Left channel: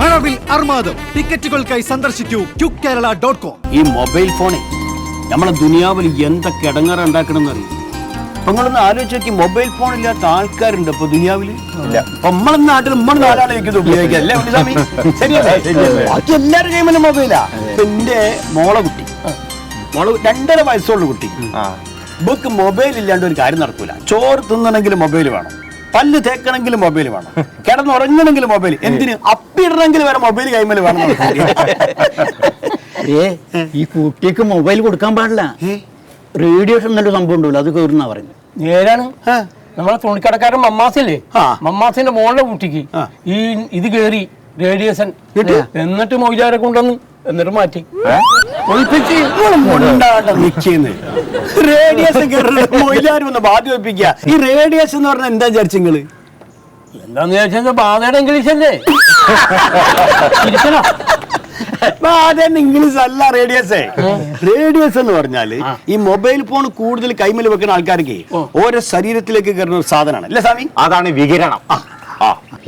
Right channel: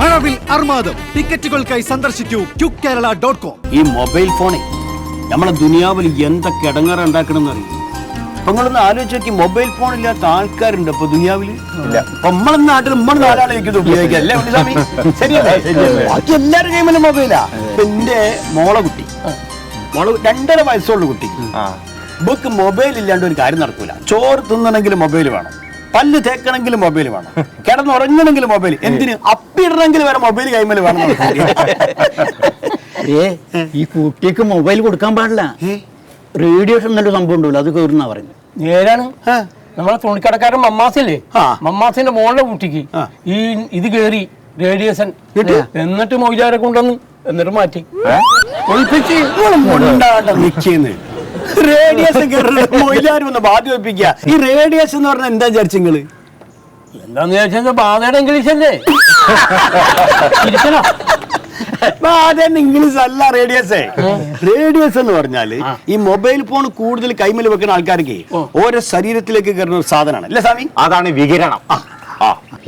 മഴവിൽ അർമാദം ടിക്കറ്റുകൾക്കായി സന്ദർശിക്കൂ QKerala.com. ഈ mobile ഫോണേ നമ്മളെ ദുനിയാവിൽ എന്തൊക്കെ ഇടങ്ങാറ് ഉണ്ടാക്കണമെന്ന് അറിയും. അപ്പൊ നിങ്ങളൊന്ന് ആലോചിച്ച് നോക്കി, മൊബൈൽ ഫോൺ ഇല്ലാത്ത ആൾക്കാരുണ്ട് ഇപ്പൊ ദുനിയാവില്? നമ്മളെ നാട്ടിൽ നമ്മളെ നാലാളേക്ക് ഉപയോഗിക്കാം അല്ലേ ഉണ്ണിസ്വാമി? ശരിയല്ലേ? ബാക്കി എല്ലാവരും കൈമല്ല മൊബൈലാ. എന്റെ മോളെ 2.5 വയസ്സുള്ള കുട്ടി, ഇവക്ക് മൊബൈൽ ഇല്ലാണ്ട് ഒരു കാര്യം നടക്കൂല. ചോറ് തിന്നണമെങ്കിൽ മൊബൈൽ വേണം, പല്ല് തേക്കണമെങ്കിൽ മൊബൈൽ വേണം, കിടന്നുറങ്ങണമെങ്കിൽ മൊബൈൽ, എന്തിന് അപ്പിടണമെങ്കിൽ വരെ മൊബൈൽ കൈമല് വേണം. ഈ കുട്ടിക്ക് മൊബൈൽ കൊടുക്കാൻ പാടില്ല. റേഡിയേഷൻ എന്നൊരു സംഭവം ഉണ്ടല്ലോ, അത് കയറുന്ന പറയുന്നത്. നേരാണ്. നമ്മളെ തുണിക്കടക്കാരൻ മമ്മാസില്ലേ, മമ്മാസിന്റെ മോളുടെ കുട്ടിക്ക് ഇത് കേറി റേഡിയേഷൻ, എന്നിട്ട് മൊയ്ലാരെ കൊണ്ടുവന്ന് എന്നിട്ട് മാറ്റി റേഡിയേഷൻ മൊയ്ലാരും ബാധ്യ വെപ്പിക്കുക. ഈ റേഡിയേഷൻ എന്ന് പറഞ്ഞാൽ എന്താ വിചാരിച്ചു നിങ്ങള്? എന്താന്ന് ചോദിച്ചാൽ ബാധയുടെ ഇംഗ്ലീഷ് അല്ലേ? ഇംഗ്ലീഷ് അല്ല റേഡിയേഷൻ. റേഡിയേഷൻ എന്ന് പറഞ്ഞാല് ഈ മൊബൈൽ ഫോൺ കൂടുതൽ കൈമല് വെക്കുന്ന ആൾക്കാർക്ക് ഓരോ ശരീരത്തിലേക്ക് കയറുന്ന ഒരു സാധനമാണ് അല്ലേ സ്വാമി? അതാണ് വികിരണം.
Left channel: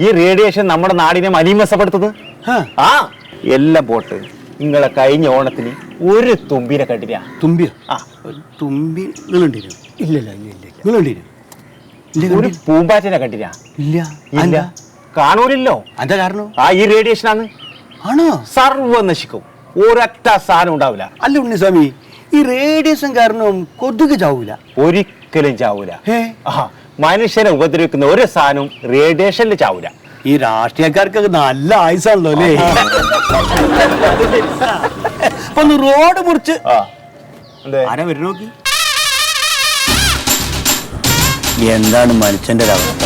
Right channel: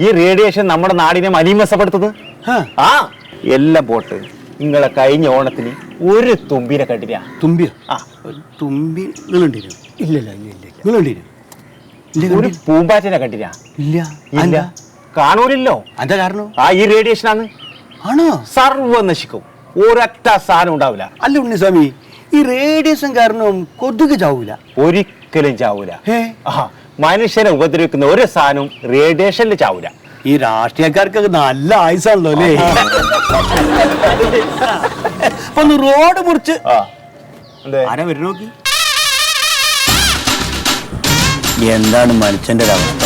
ഈ റേഡിയേഷൻ നമ്മുടെ നാടിനെ മലീമസപ്പെടുത്തുന്നത്. എല്ലാം പോട്ട് നിങ്ങളെ കഴിഞ്ഞ ഓണത്തിന് ഒരു തുമ്പിനെ കണ്ടില്ല. തുമ്പിയ? തുമ്പി ഒരു പൂമ്പാറ്റിനെ കണ്ടില്ല? ഇല്ല. കാണൂലല്ലോ. എന്താ കാരണം? ഈ റേഡിയേഷനാണ്. ആണോ? സർവ്വം നശിക്കും, ഒരൊറ്റ സാധനം ഉണ്ടാവില്ല. അല്ല ഉണ്ണിസ്വാമി, ഈ റേഡിയേഷൻ കാരണം കൊതുക് ചാവൂല? ഒരിക്കലും ചാവൂല. മനുഷ്യനെ ഉപദ്രവിക്കുന്ന ഒരു സാധനവും റേഡിയേഷനിൽ ചാവൂല. ഈ രാഷ്ട്രീയക്കാർക്കൊക്കെ നല്ല ആയുസാണല്ലോ അല്ലേ? അപ്പൊ റോഡ് മുറിച്ച് ആരാ വരും നോക്കി? എന്താണ് മനുഷ്യന്റെ ഒരവസ്ഥ?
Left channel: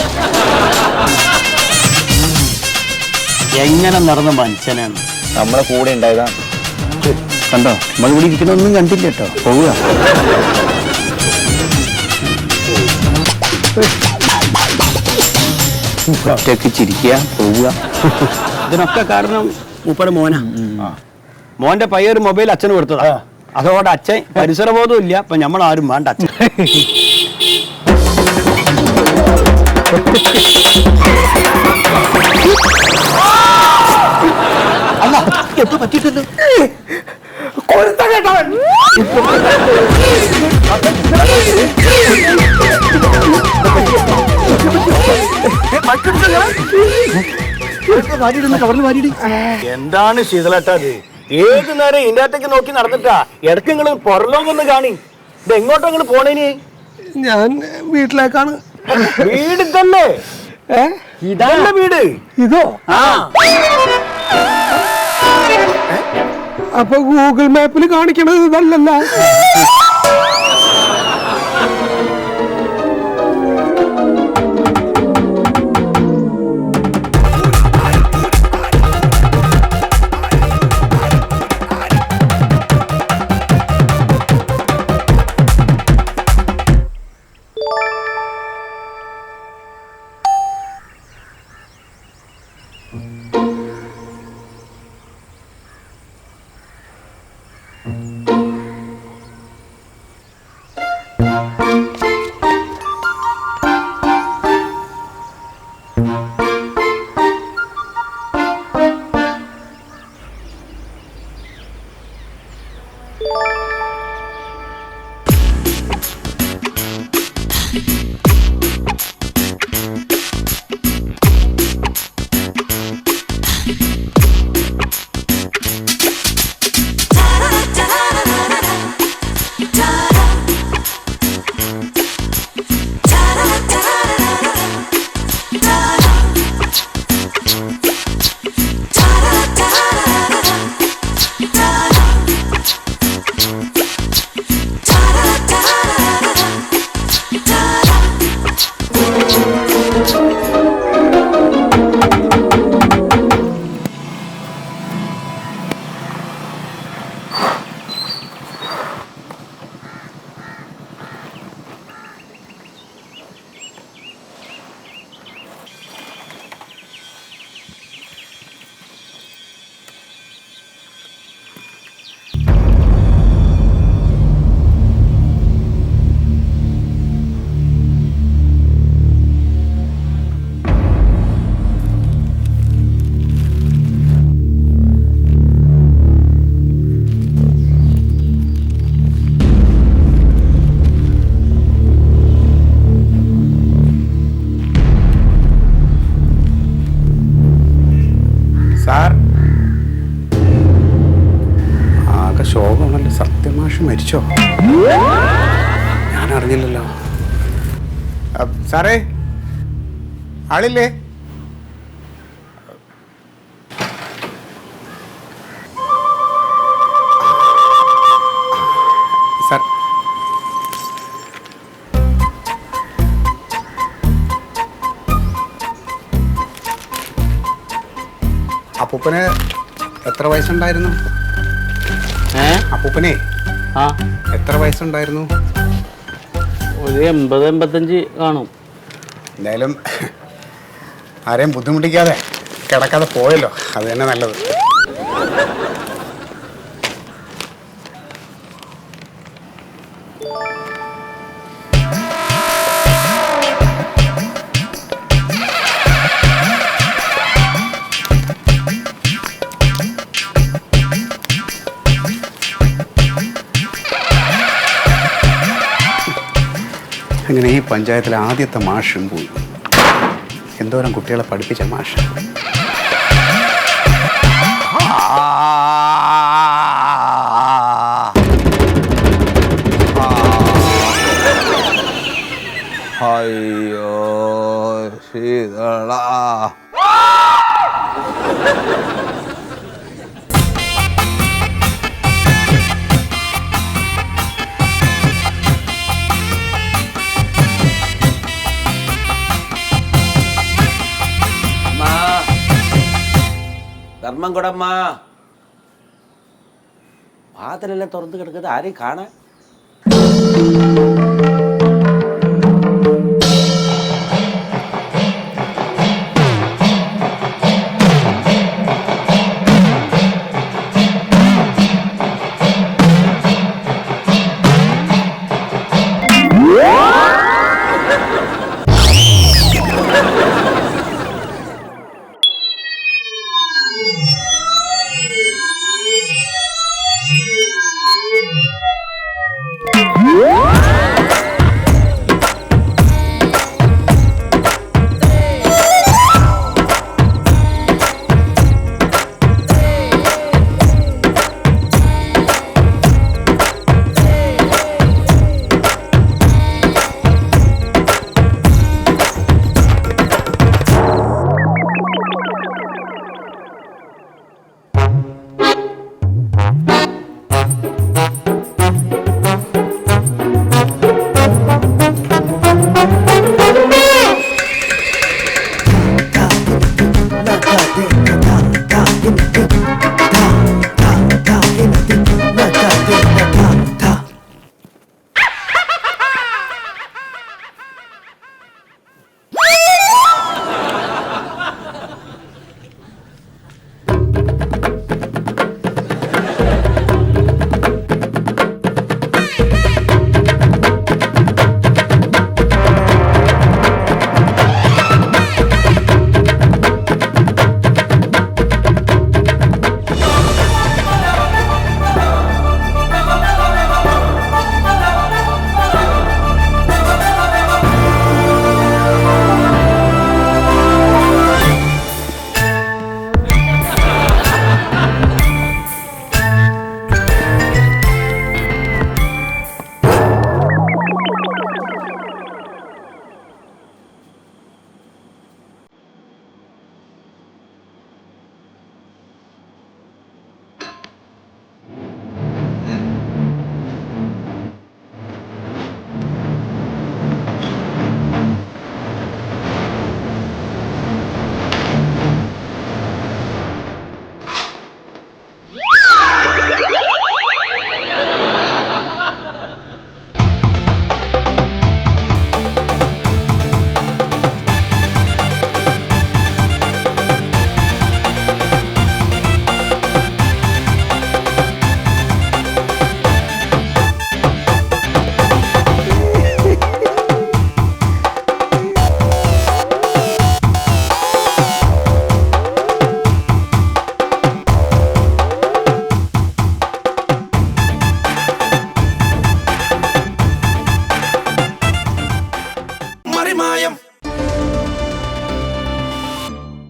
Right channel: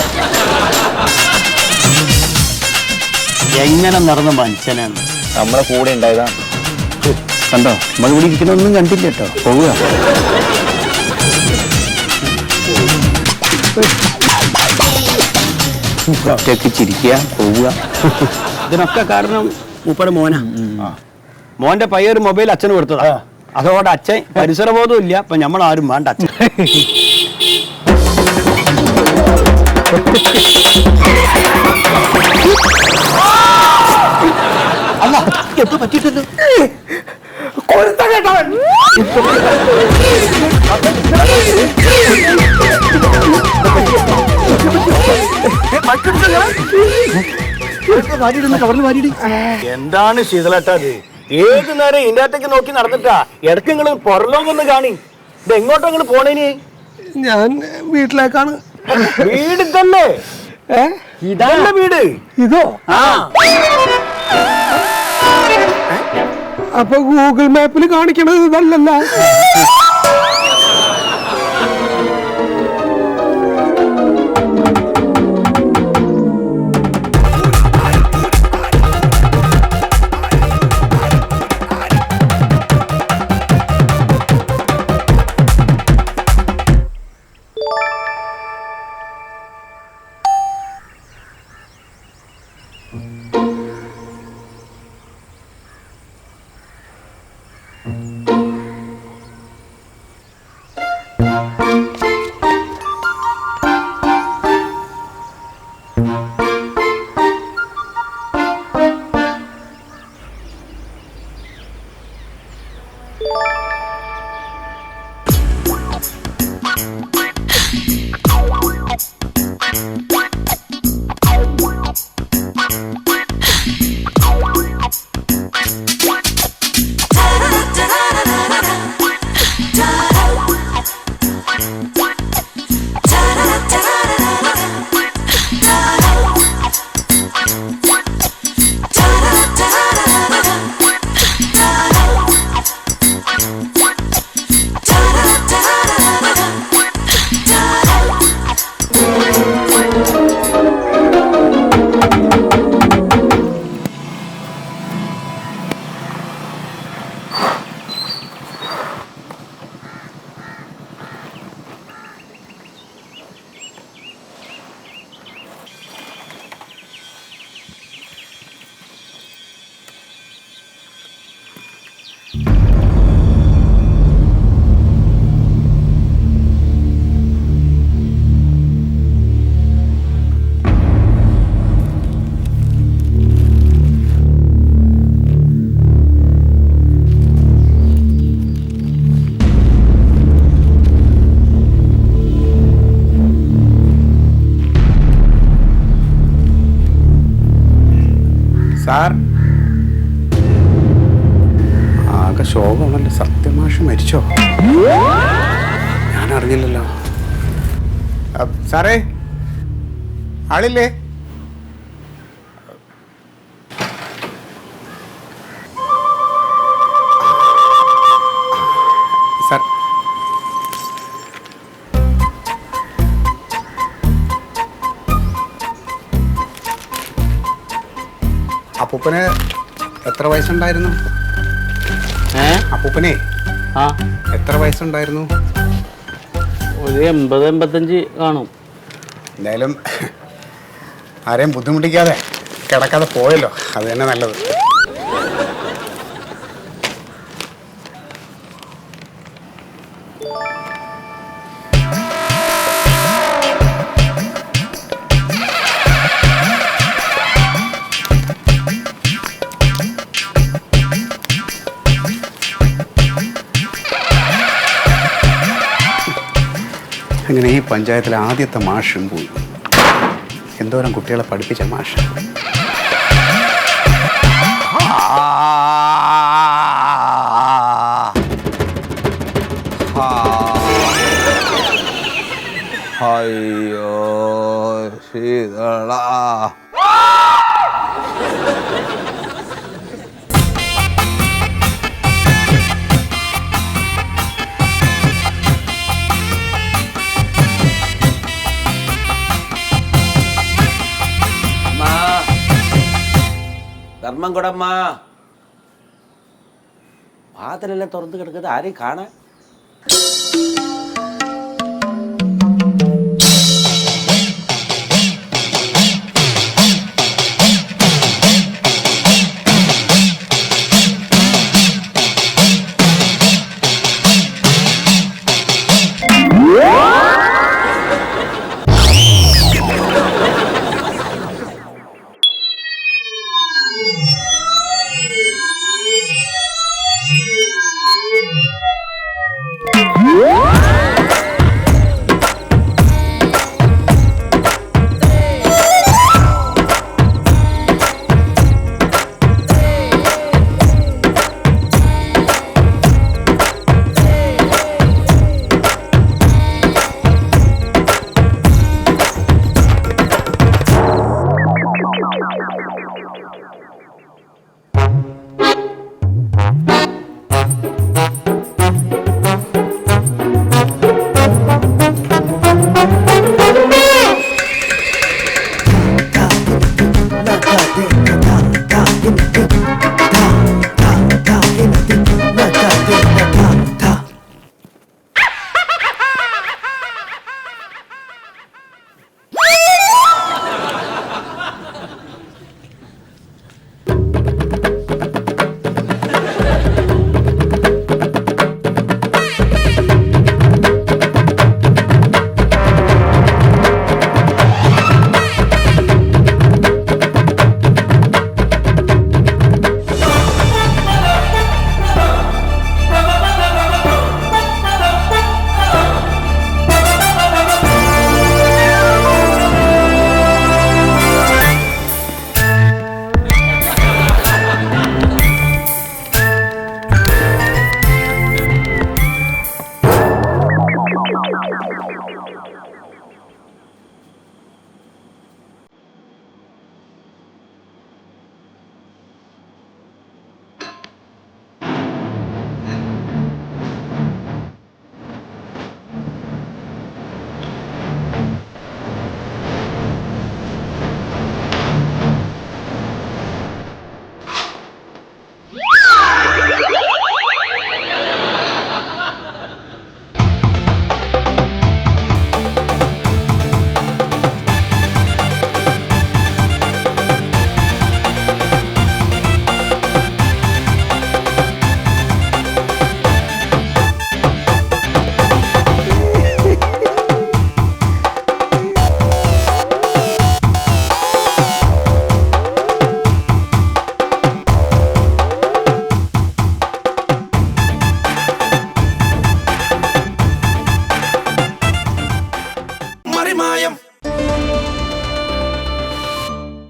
എങ്ങനെ നടന്ന മനുഷ്യനാണ്? നമ്മളെ കൂടെ ഉണ്ടായതാണ്. കണ്ടോ, നമ്മൾ ഇവിടെ ഇരിക്കണൊന്നും കണ്ടില്ല കേട്ടോ. പോവുക. ഒറ്റയ്ക്ക് ചിരിക്കുക, പോവുക. ഇതിനൊക്കെ കാരണം മൂപ്പടെ മോനാ. മോന്റെ പയ്യൊരു മൊബൈൽ അച്ഛന് കൊടുത്തതാ. അതോടെ അച്ഛൻ പരിസരബോധവും ഇല്ല. അപ്പൊ നമ്മളാരും വേണ്ട അച്ഛൻ. അല്ല, എപ്പോ പറ്റിയിട്ടല്ലോ. എന്താണ് ശീതളേട്ടത്? ഏത് നേരം ഇതിനകത്തേക്ക് നോക്കി നടന്നിട്ടാ? ഇടയ്ക്ക് നിങ്ങൾ പുറലോകൊന്ന് കാണി. ഇത് എങ്ങോട്ടാ നിങ്ങൾ പോണേന്? ഞാൻ വീട്ടിലേക്കാണ്. വീട് തന്നെ? ഇതല്ല വീട്. ഇതോ? അപ്പൊ ഗൂഗിൾ മാപ്പിൽ കാണിക്കണത് ഇതല്ലല്ല. സാർ ആകെ ശോകമാണല്ലോ. സത്യമാഷ് മരിച്ചോ? ഞാൻ അറിഞ്ഞില്ലല്ലോ. സാറേ ആളില്ലേ? സാർ അപ്പൂപ്പന് എത്ര വയസ്സുണ്ടായിരുന്നു? അപ്പൂപ്പനെ എത്ര വയസ്സുണ്ടായിരുന്നു? ഒരു 80-85 കാണും. എന്തായാലും ആരെയും ബുദ്ധിമുട്ടിക്കാതെ കിടക്കാതെ പോയല്ലോ, അത് തന്നെ നല്ലത്. അങ്ങനെ ഈ പഞ്ചായത്തിലെ ആദ്യത്തെ മാഷും പോയി. എന്തോരം കുട്ടികളെ പഠിപ്പിച്ച മാഷ്. അയ്യോ ശീതള. ധർമ്മം കൊടമ്മ, വാതിലെല്ലാം തുറന്നു കിടക്കുന്നത് ആരെയും കാണാൻ.